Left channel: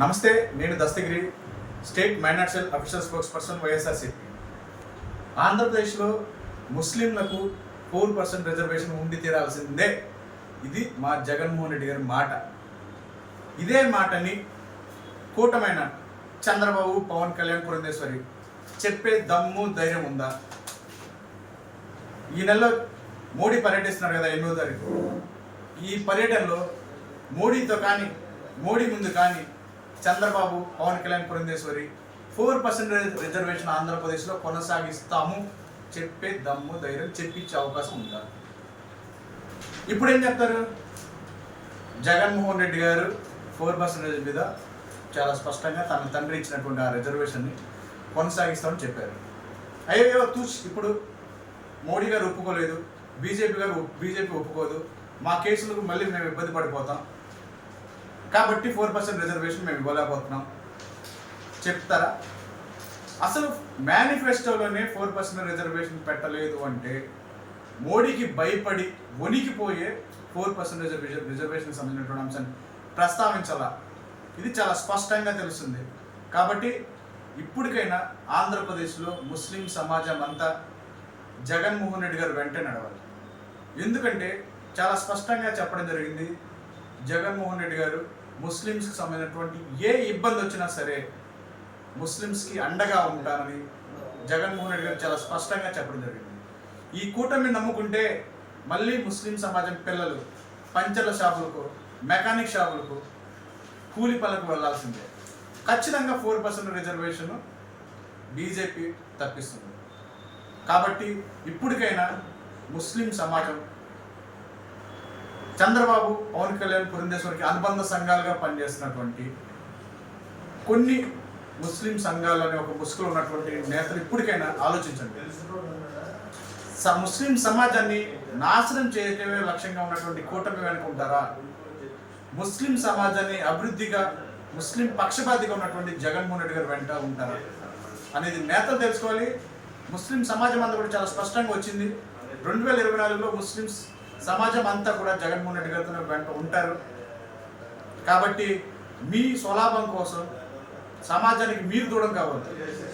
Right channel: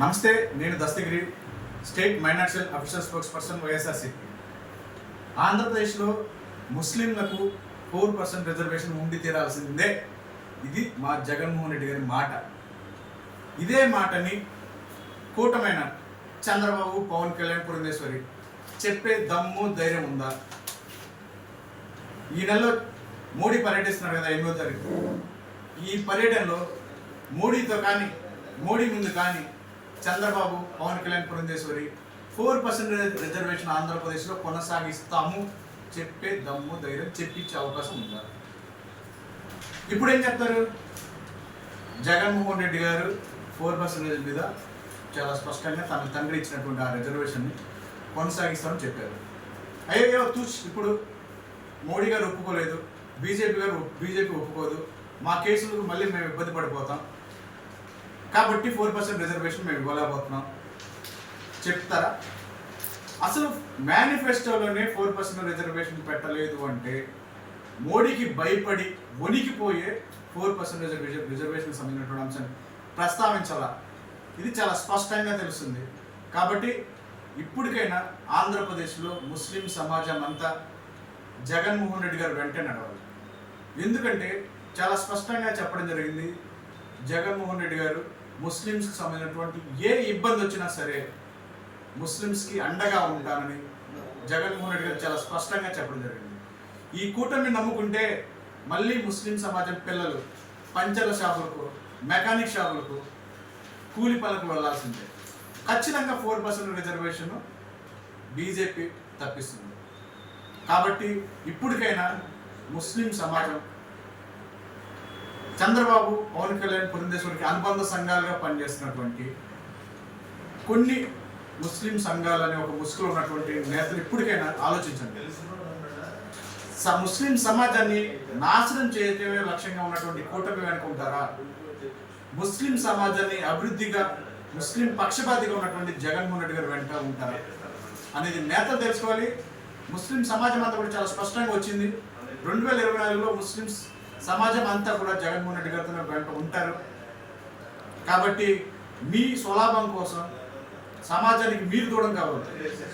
నమస్తే నేను దస్తగిరి స్టేట్ మైనార్షియల్ అఫీషియల్ స్పోక్స్ పర్సన్ వైఎస్ఆర్సీపీ. ఆంధ్రప్రదేశ్లో ముస్లింలకు ఫోర్ పర్సెంట్ రిజర్వేషన్ ఉండి తీరాల్సిందే. ఇది మా జగన్మోహన్ రెడ్డి గారి మాట. ఇదే మాటని కూటమైన చంద్రబాబు పవన్ కళ్యాణ్ పురంధేశ్వరి చెప్పే దమ్ము ధైర్యం ఉందా? ఈ నెలలో మోడీ పర్యటిస్తున్నారు కదా ఎనిమిదో తారీఖు. ఈ పర్యటనలో మోడీతో కానీ మోడీ ముందు కానీ Chandrababu Pavan Kalyan Purandeswari four percent reservation ఆంధ్రప్రదేశ్లో కొనసాగిస్తాము చెప్పే దమ్ము ధైర్యం చెప్పించే అవకాశం ఉంటారు ఇప్పుడు ఏం చెప్తారు? జగన్మోహన్ రెడ్డి గారు ఫోర్ పర్సెంటేజ్ మీద చాలా స్పష్టంగా తన తండ్రి ఇచ్చినటువంటి ఆ రిజర్వేషన్ని కొనసాగిస్తామని చెప్పారు. అయ్యో తూచ్ ఇప్పుడు మోడీ గారు ఒప్పుకోలేదు బీజేపీ గారు బీజేపీ ఒప్పుకోదు మా కేసులకు మళ్ళీ మేము ఇబ్బంది పడిపోతాం కాబట్టి ఫోర్ పర్సెంట్ రిజర్వేషన్ మేము ఇవ్వలేకపోతున్నాం. చెప్తారా? అసలు మేనిఫెస్టోలోనే ఫోర్ పర్సెంట్ రిజర్వేషన్ పెట్టలేదు అంటే మోడీకి భయపడి వణికిపోయే ఫోర్ పర్సెంట్ రిజర్వేషన్ రిజర్వేషన్ సంబంధించినటువంటి అంశాన్ని ప్రస్తావించాలా? ఇది చాలా స్పష్టంగా తెలుస్తుంది. కాబట్టి ఇప్పటికైనా ఆంధ్రప్రదేశ్లో ముస్లిం సమాజం అంతా జగన్మోహన్ రెడ్డి గారు వెంట నడవాలి. ఎందుకంటే చాలా స్పష్టంగా చెప్పడం జరిగింది జగన్మోహన్ రెడ్డి గారు ముస్లిమ్స్కి సంబంధించినటువంటి ఏ ఇబ్బంది వచ్చినా సరే ముస్లిమ్స్కి అండగా ఉంటానని జగన్మోహన్ రెడ్డి గారు చాలా స్పష్టంగా చెప్పడం జరిగింది. ఈ కూటమిని నమ్ముకుంటే మళ్ళీ ముస్లిం సమాజం పిల్లలు పంచల షాపులకు మెకానిక్ షాపులకు కూలి పనులకు వెళ్ళాల్సిందే. ఖచ్చితంగా ఫోర్ పర్సెంట్ రిజర్వేషన్ బీజేపీ తప్పిస్తుంది. కాబట్టి ఇప్పటికైనా ముస్లిం సమాజం చంద్రబాబు పవన్ కళ్యాణ్ పురంధేశ్వరికి అనుబంధ సంఘాలుగా పనిచేస్తున్నటువంటి కొన్ని ముస్లిం సంఘాలనే ఒక ముసుగులో ఉన్నటువంటి నేతలు ఇప్పటికైనా ఆలోచించండి. స- ముస్లిం సమాజాన్ని నాశనం చేయటమే లక్ష్యంగా ఉన్నటువంటి కూటమి వెనుక ఉంటారా ముస్లిం సమాజాన్ని అభివృద్ధిగా ముస్లిం పక్షపాతిగా ఉన్నటువంటి జగన్మోహన్ రెడ్డి గారు వెంట ఉంటారా? అనేది నేతలు తెలుసుకోవాలి. ముస్లిం సమాజం అంతా కూడా చాలా స్పష్టంగా వచ్చింది. రెండు వేల ఇరవై నాలుగులో ముస్లిమ్స్ సమాజం అంతా కూడా జగన్మోహన్ రెడ్డి గారితో వెంట ఉంటారు. కాబట్టి మీ స్వలాభం కోసం సమాజానికి మీరు దూరం కావద్దు.